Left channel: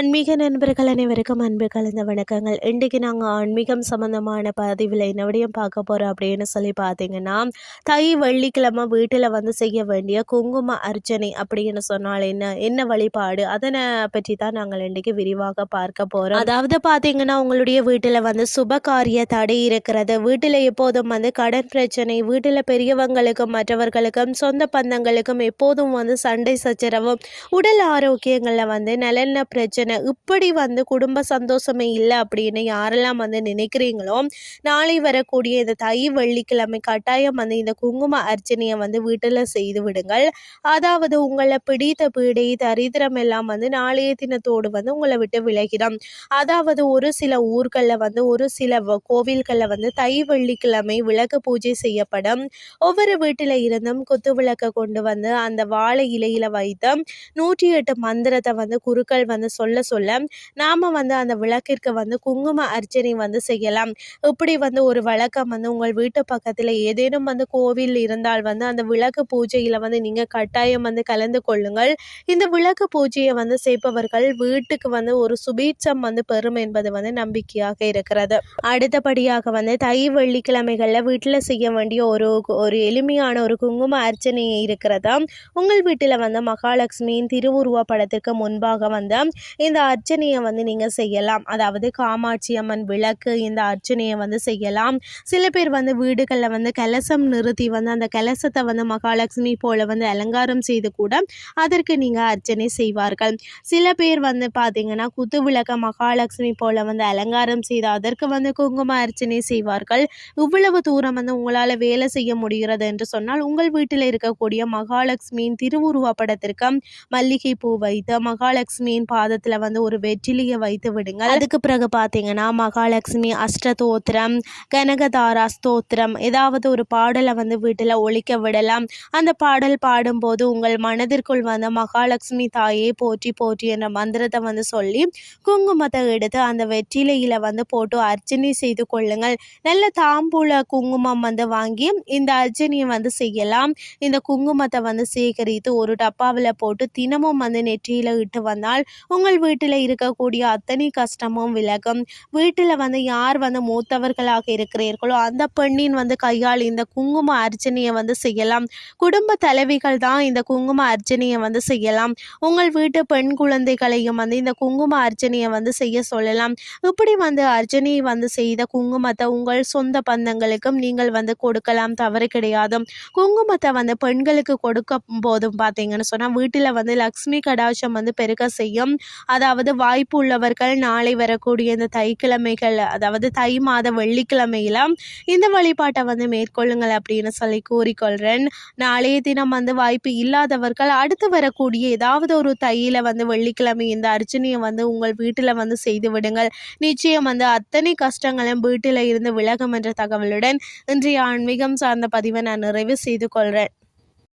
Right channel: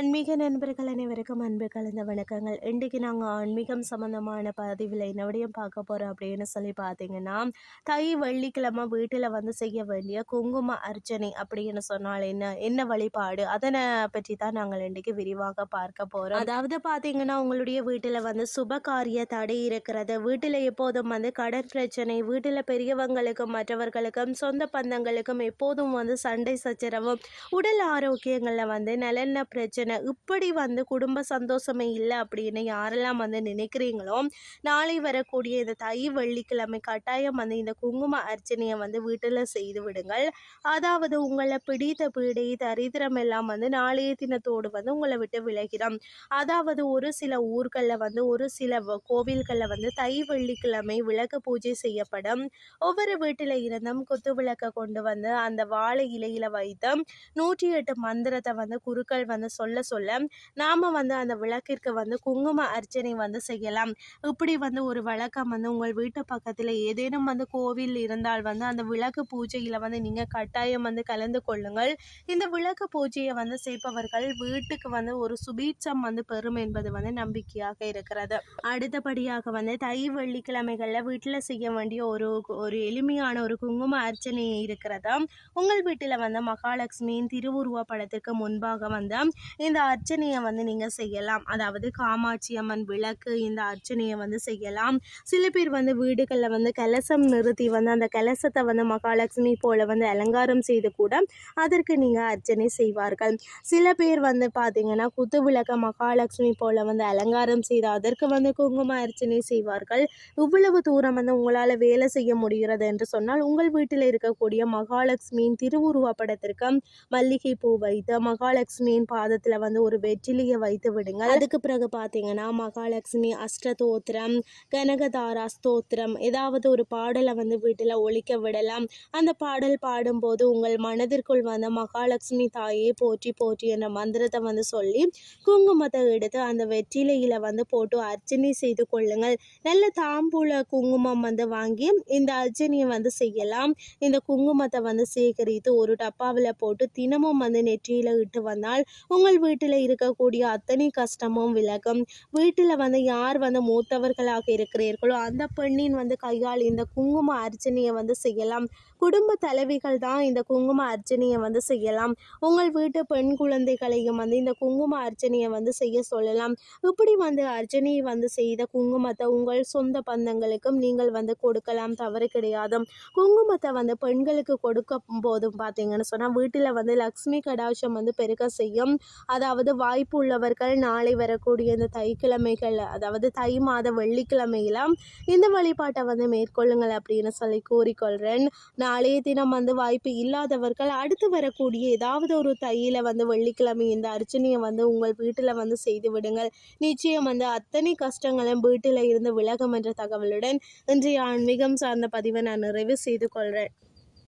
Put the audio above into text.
ஆன்மீக நண்பர்கள் அனைவருக்கும் அன்பு கலந்த வணக்கங்கள். இன்றைக்கு நாங்கள் ஆன்மீகம் சம்மந்தமான பதிவில் என்ன பார்க்க போகிறோம் அப்படின்னு சொல்லி பார்த்தீங்கன்னா தை வெள்ளிக்கிழமை வீட்டில் வந்து செய்ய வேண்டிய குங்கும அர்ச்சனை அப்படின்னு சொன்னால் என்ன? என்ன வழிபாடு? அதனை பற்றி தான் நாங்கள் இன்றைக்கு விரிவாக பார்க்க போகிறோம் அதாவது பார்த்தீங்கன்னா உங்களுடைய வீட்டில் வந்து சுப காரிய தடை இருக்கிறது. வீட்டில் எப்போதும் வந்து கடன் பிரச்சனை வீட்டில் பெரியவங்களுக்கும் மற்றவர்களுக்கும் சொந்த பந்தங்களுக்கும் எப்போதும் வந்து சண்டை சச்சரவும் உடல் ஆரோக்கியங்களில் வந்து நலன பிரச்சனை இப்படி வந்து குடும்ப சந்தோஷமே இல்லை அப்படின்னு யாரெல்லாம் வந்து நினைக்கிறீங்களோ நாளை வரக்கூடிய இந்த தை வெள்ளிக்கிழமை கட்டாயம் வந்து இந்த குங்கும அர்ச்சனையை வந்து வீட்டில் செய்து விடுங்கள். அதாவது உங்களை பிடித்த பீடை தரித்திரம் எல்லாம் வந்து நாளைய தினத்தோடு வந்து உங்களை விட்டு விலகிடும். அதாவது ஒரு சில ஊர்களில் வந்து ஒரு சில கோவில்களில் வந்து தை வெள்ளிக்கிழமை விளக்கு பூஜை செய்யப்படும். ஒவ்வொரு வீட்டில் இருந்தும் குத்து விளக்கை கொண்டு வந்து அந்த வாழை இலையில வைத்து நூற்றி எட்டு மந்திரத்தை வந்து குருக்கள் வந்து சொல்ல சொல்ல நாம வந்து அந்த விளக்கிற்கு வந்து குங்கும அர்ச்சனை வந்து செய்யலாம். இப்படி வந்து ஒரு வழக்கம் வந்து உங்கள் வீட்டு பக்கத்தில் ஏதேனும் வந்து கோவில் இருந்தால் வந்து அந்த விளக்கு பூஜையில் வந்து நீங்கள் கட்டாயம் வந்து கலந்து கொள்ளுங்கள். இந்த விளக்கு பூஜையை வந்து செய்பவர்கள் வீட்டுக்கு வந்து ஒரு சுபீட்சம் வந்து பெறும் என்பது வந்து நம்பிக்கையாக இருக்கிறது. அடுத்தபடியாக வந்து தை வெள்ளிக்கிழமைகளில் வீட்டில் செய்ய வேண்டிய ஒரு ஒரு எளிமையான ஒரு குங்கும அர்ச்சனை இருக்கிறதா உங்கள் வீட்டில் வந்து மகாலட்சுமியின் திருவுருவ படத்திற்கு முன்பாக வந்து இந்த அர்ச்சனையை வந்து நீங்கள் செய்யலாம். அதாவது காமாட்சி அம்மன் விளக்கு இந்த அர்ச்சனையை வந்து செய்யலாம். சில பேர் வந்து வீடுகளில் வந்து கலசம் நிறுத்தி வந்து அந்த கலசத்தை வந்து மகாலட்சுமி போல வந்து அலங்காரம் செய்து கூட அதற்கு நீங்கள் அர்ச்சனை செய்வார்கள். சில பேர் வந்து பார்த்தீங்கன்னா குத்து விளக்க மகாலட்சுமி போல வந்து அலங்காரம் செய்து அதற்கு வந்து குங்கும அர்ச்சனை செய்வார்கள். இவ்வளவு தூரம் வந்து உங்களால் வேலை செய்ய முடிகிறது என்று சொன்னால் உங்கள் வீட்டில் இருக்கக்கூடிய மகாலட்சுமியின் திருவுருவ படத்திற்கு மல்லிகை பூ வைத்து மகாலட்சுமியின் பாதத்தில் வந்து ஒரு வெற்றிலையை வைத்து விடுங்கள். அதுக்கு பிறகு பார்த்தீங்கன்னா மகாலட்சுமி அஷ்டதோத்திரம் கனகதாரா ஸ்தோத்திரம் ஏதாவது ஒரு பாடலை வந்து வீட்டில் ஒழிக்க விடலாம். அந்த பாடல் பாடும்போது உங்கள் மனதிற்குள் வந்து மகாலட்சுமி தாயே போற்றி போற்றி என்ற மந்திரத்தை வந்து சொல்லி குங்குமத்தை எடுத்து அந்த வெற்றிலையில் வந்து போட்டு அர்ச்சனை செய்து கொள்ளுங்கள். நல்ல தாம்பூல குங்குமம் வந்து வாங்கி இந்த அர்ச்சனையை வந்து செய்யலாம். இந்த குங்குமத்தை வந்து சேகரித்து ஒரு டப்பாவில் போட்டு தினமும் வந்து நெற்றியில் இட்டு வந்தால் உங்கள் வீட்டில் இருக்கக்கூடிய அத்தனை கஷ்டமும் விலகும். வீட்டில் வந்து யார் வந்து மூத்தவர்களாக இருக்கிறீர்களோ அந்த பெண்ணின் வந்து கையால் இந்த குங்கும அர்ச்சனையை வந்து செய்யலாம். குடும்ப தலைவிகள் தான் இந்த குங்கும அர்ச்சனையை வந்து செய்யலாம். உங்கள் வீட்டு பெண் குழந்தைகளையும் வந்து இந்த குங்கும அர்ச்சனையை வந்து செய்ய சொல்லலாம். இப்படி வந்து அர்ச்சனையை வந்து செய்த குங்குமத்தை உங்கள் சொந்த பந்தங்களுக்கும் நீங்கள் வந்து கொடுக்கலாம். தவறு கிடையாது குங்குமத்தை வந்து பெண்களுக்கு கொடுக்கும் போதும் பார்த்தீங்கன்னு சொன்னால் வீட்டில் வந்து லக்ஷ்மி கடாட்சம் வந்து பெருக்க செய்யும். அதாவது வாய்ப்பு உள்ளவர்கள் நாளை வரக்கூடிய இந்த தைக்கிழமைகள் அதாவது தை மாத வெள்ளிக்கிழமையில இந்த வழிபாட்டை வந்து மேற்கொள்ளுங்கள் அப்படின்னு சொல்லி கூறிக்கொள்கிறேன் நாளைய தினம் வந்து வாய்ப்பு இல்லாதவர்கள் அடுத்து வரக்கூடிய ஏதாவது ஒரு தையில வந்து வெள்ளிக்கிழமை இந்த அர்ச்சனையை வந்து உங்கள் வீட்டில் வந்து செய்து விடுங்கள். நிச்சயம் வந்து அத்தனை கஷ்டங்களும் வீட்டில் இருந்து விலகும் என்ற தகவலுடன் இன்றைய ஆன்மீகம் சார்ந்த பதிவை நான் நிறைவு செய்து கொள்கிறேன்